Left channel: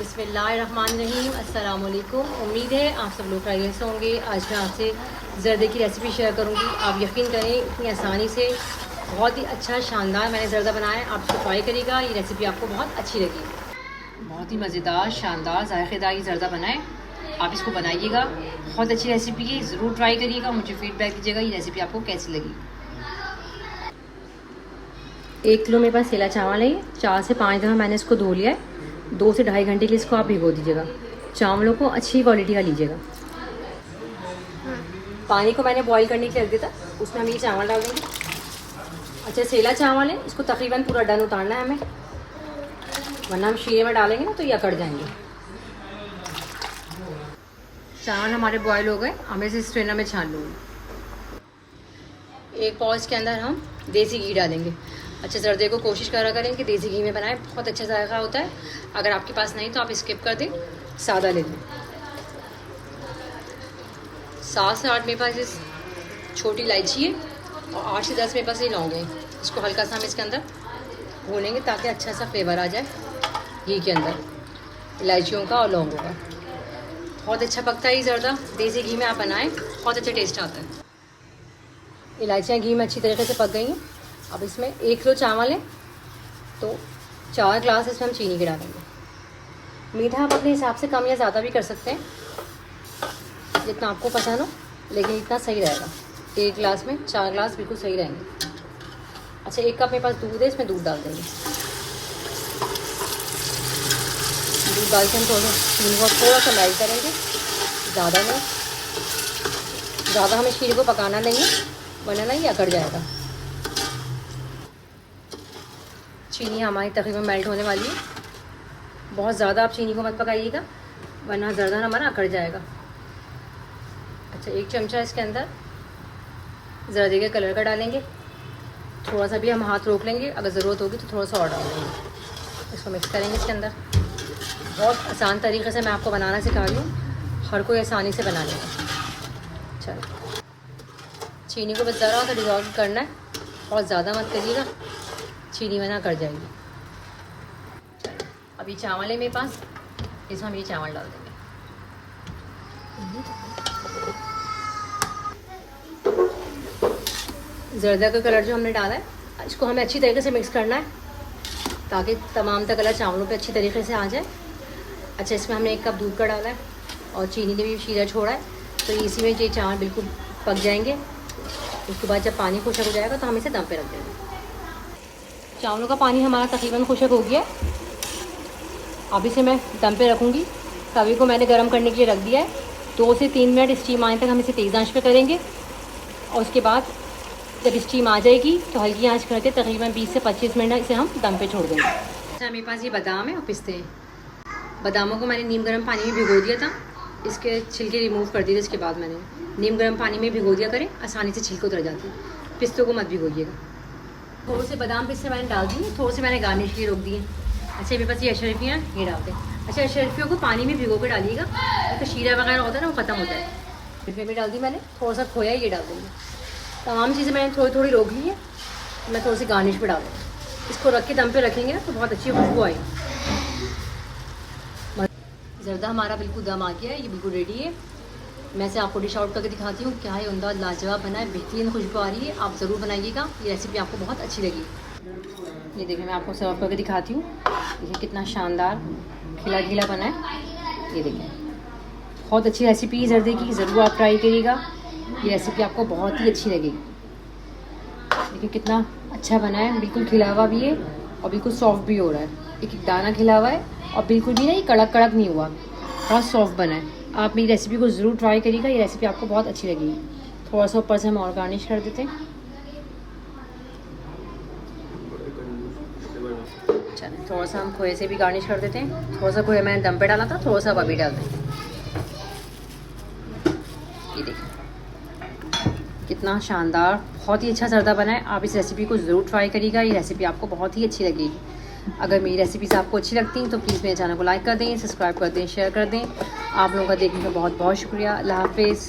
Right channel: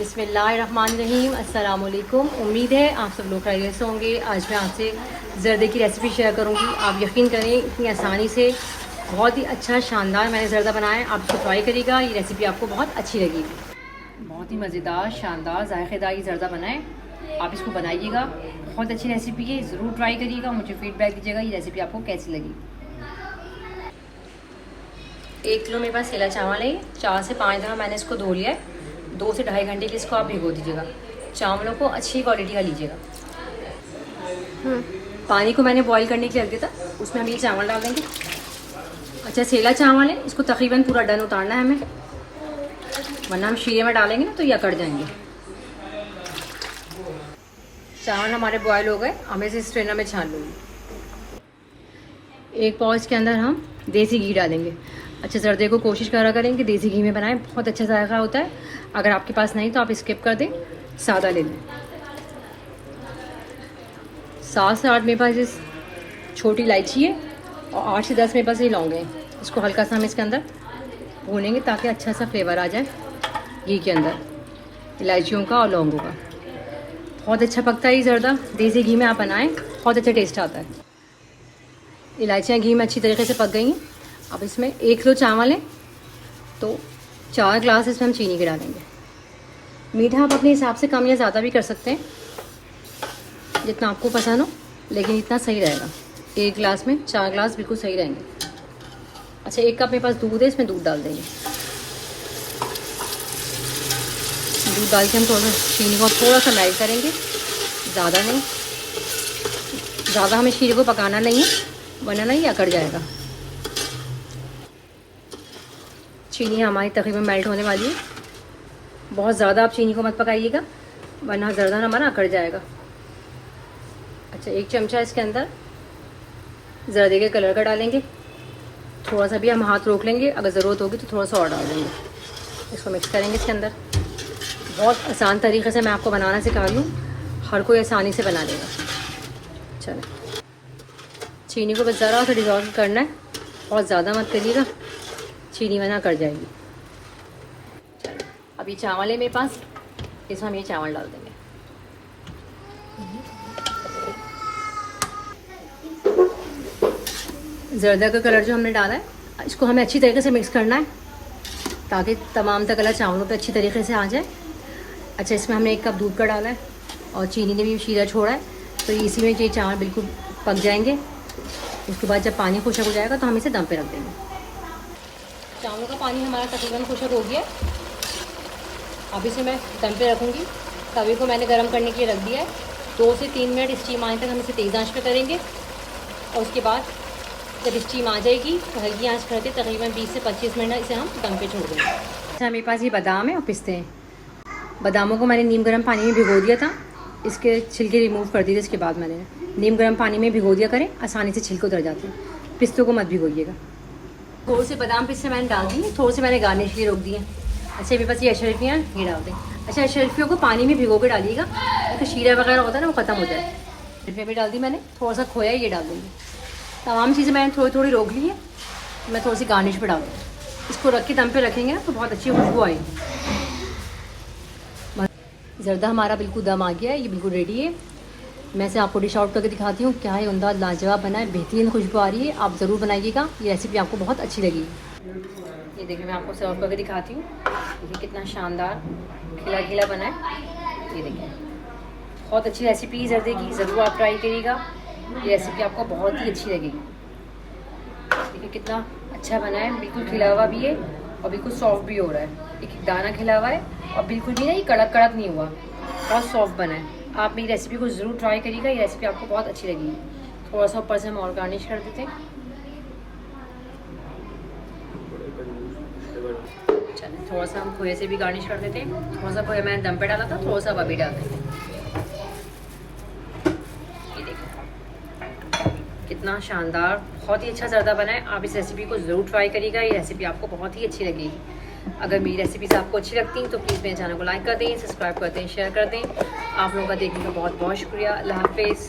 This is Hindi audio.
बिस्मिल्लाहिर्रहमानिर्रहीम, अस्सलाम वालेकुम। उम्मीद है आप सब लोग खैरियत से होंगे। आज मैं आपसे ज़र्दे की रेसिपी शेयर करूँगी। आप यकीन करें इतनी आसानी से बहुत ही अच्छा शानदार मैंने ज़र्दा बनाया है। आप इसको ट्राई करिएगा, ये रेसिपी आपको बहुत अच्छी लगेगी। बहुत ही मज़ेदार शानदार जायकेदार ये ज़र्दा बनाए, आप इसको बनाइएगा। बहुत अच्छी रेसिपी है, ज़रूर ट्राई करिएगा। मुझे फीडबैक दीजिएगा ये रेसिपी आपको कैसी लगी। 1 किलो मेरे पास सेला चावल है। 4 से 5 दफ़ा मैंने इसको धो लिया है। 2 से ढाई घंटे के लिए इसको आप भिगो दीजिएगा। चावलों को अच्छी क्वालिटी का लीजिएगा। पानी को मैंने बॉईल करने के लिए रख दिया था, उसमें हम ये चावल डाल देंगे। अच्छा, सेला चावल है, इसको तकरीबन पूरा डन उतारना है हमें, वरना हम शीरे में डालेंगे ना तो ये अकड़ जाएंगे। चावल हमारे बॉयल हो गए, हमें इसे स्ट्रेनर में छान लूँगी। एक पॉज के अंदर हम देसी घी डालेंगे। अच्छा, जर्दे को कोशिश करा करें कि देसी घी में बनाएं, बहुत अच्छा जायका होता है। अगर आपके पास नहीं तो आप स्किप कर दें, सादा ले लें। 7 से 8 मेरे पास इस छोटी इलायची है और 8 से 10 मेरे पास ये लौंग है। इसको हल्का सा हम इसके अंदर भूनेंगे ताकि अच्छा सा फ्लेवर आ जाए घी के अंदर, इलायचियों का और लौंगों का। बहुत अच्छा पकता है ये जर्दा, देसी घी में आप बनाएं, बहुत अच्छा टेस्ट आता है। इलायचियाँ घी में अच्छी तरीके से पक गई हैं। अब इसमें 1 किलो चावल है तो 4 ग्लास इसमें हम चीनी के डालेंगे। मीठा आप अपने हिसाब से कम या ज़्यादा भी कर सकते हैं, जितना आपको पसंद हो, लेकिन इतना सही रहेगा। 1 ग्लास में 4 ग्लास बिल्कुल सही रहेंगे। अच्छा, 1 कप मेरे पास दूध है, इसमें दूध डाल देंगे। दूध डाल के हम चीनी को थोड़ा सा मेल्ट करेंगे, ज़्यादा नहीं। ज़्यादा हमें शीरे को पकाना नहीं है, वरना नहीं अकड़ जाएगा। चीनी हमारी तकरीबन मेल्ट होने वाली है। बहुत ज़्यादा आप चीनी को मत पकाइएगा, वरना ज़र्दा हमारा अकड़ जाएगा। अच्छा, 1 चमचा इसके अंदर जर्दे के कलर का डालेंगे। थोड़ा सा भी हम हाथ रोक लेंगे, अगर ज़रूरत होगी तो थोड़ा सा और डाल देंगे। इसको मिक्स करेंगे इसके अंदर। बहुत आसान तरीके से मैं आपको बनाना सिखा रही हूँ, हर कोई आसानी से बना लेगा। चलो, चीनी को बस ज़रा सा डिज़ोल्व करना है, बहुत ज़्यादा मत करिएगा, चीनी वरना कर जाएगी। अभी चावल है मेरे पास, इसमें हम ये चावल डाल देंगे। जर्दा का कलर जो हमने डाला है, इसको हमें अच्छी तरीके से मिक्स करना है ताकि तमाम का कलर चावलों पे अच्छी तरीके से आ जाए। अच्छा, इसमें हमने 1 कप दूध का डाला है और चीनी ने भी शीरा छोड़ा है, तो इसी में ये चावल बिल्कुल पक जाएंगे। उसके बाद जब पानी खुशक हो जाएगा तो हम इसे दम पे रख देंगे। चावलों का पानी हमारा तकरीबन खुशक हो गया। अब इसे मैं दम पे रखूँगी। तवे को मैंने गर्म करने के लिए रख दिया है। 2 से 3 मिनट स्टीम आने तक हम इसे तेज़ आंच पे करेंगे और उसके बाद जब स्टीम आ जाएगी तो हल्की आंच करके तकरीबन 20 से 25 मिनट इसे हम दम पे छोड़ देंगे। अच्छा, मेरे पास ये बादाम है और पिस्ते हैं। बादामों को मैंने नीम गर्म पानी में भिगो दिया था, इसके छिलके रिमूव कर दिए। इसके बाद मैंने नीम गर्म पानी में भिगो दिया करें, आसानी से छिलके उतर जाते हैं। पिस्तों को मत भिगोइएगा। थोड़े से बादाम पिस्ते मैंने डाल दिए, थोड़े से मैंने गार्निश के लिए रोक दिए। अच्छा, मेरे पास ये अशरफियाँ ये डाल दें। अच्छा, अशरफियों को पानी में भिगो के डालिएगा, तो शीरा वगैरह होता है ना वो ख़त्म हो जाए। अशरफियाँ भी डाल दी मैंने, थोड़ा सा खोया ये डाल देंगे। तमाम चीज़ें मैंने थोड़ी थोड़ी रोक ली है, मैं थोड़ी सी गार्निश भी डाल दूँ। इसको रख के दम पे रखेंगे ना तो बहुत अच्छी खुशबू आएगी। जर्दा हमारा बिल्कुल दम आ गया है, ये बिल्कुल रेडी है। मैं इसे आपको डिश आउट करके दिखाती हूँ। क्या है, उम्दा लाजवाब बना है, बेहतरीन खुशबू आ रही है। आप ज़रूर बनाइएगा, ये रेसिपी आपको बहुत अच्छी लगी। ये देखिए, मैं आपको सर्व करके दिखाती हूँ। ये कितना शानदार खिला खिला बना है, ये देखिए। बहुत अच्छी रेसिपी जर्दे की, ज़रूर आप ट्राई करिएगा, ये रेसिपी आपको बहुत ही अच्छी लगेगी। देखिए कितना अच्छा बना है, बिल्कुल खिला हुआ भी है और बिल्कुल सॉफ्ट भी हो रहा है। एक दाना खिला हुआ है और बिल्कुल भी नहीं कड़क कड़क नहीं हुआ, बहुत सॉफ्ट बना है। आप मेरी रेसिपी को ज़रूर ट्राई करिएगा, ये रेसिपी आपको बहुत अच्छी लगेगी। थोड़ा सा ऊपर से हम और गार्निश कर देते हैं। चल, थोड़ा सा हम खोए से भी गार्निश कर देते हैं। थोड़ा सा खोया मैंने दम पे डाला था, थोड़ा सा अभी डाल दें। ये देखिए कितना शानदार, बहुत ही अच्छा जर्दा बना है। आप इस रेसिपी को ज़रूर ट्राई करिएगा, ये रेसिपी आपको बहुत ही अच्छी लगेगी। अगर मेरी रेसिपीज़ आपको अच्छी लगती हैं तो प्लीज़ मेरे चैनल को लाइक कर दें, सब्सक्राइब कर दें, शेयर कर दें। आप लोगों का देखने का बहुत बहुत शुक्रिया। अल्लाह हाफ़िज़।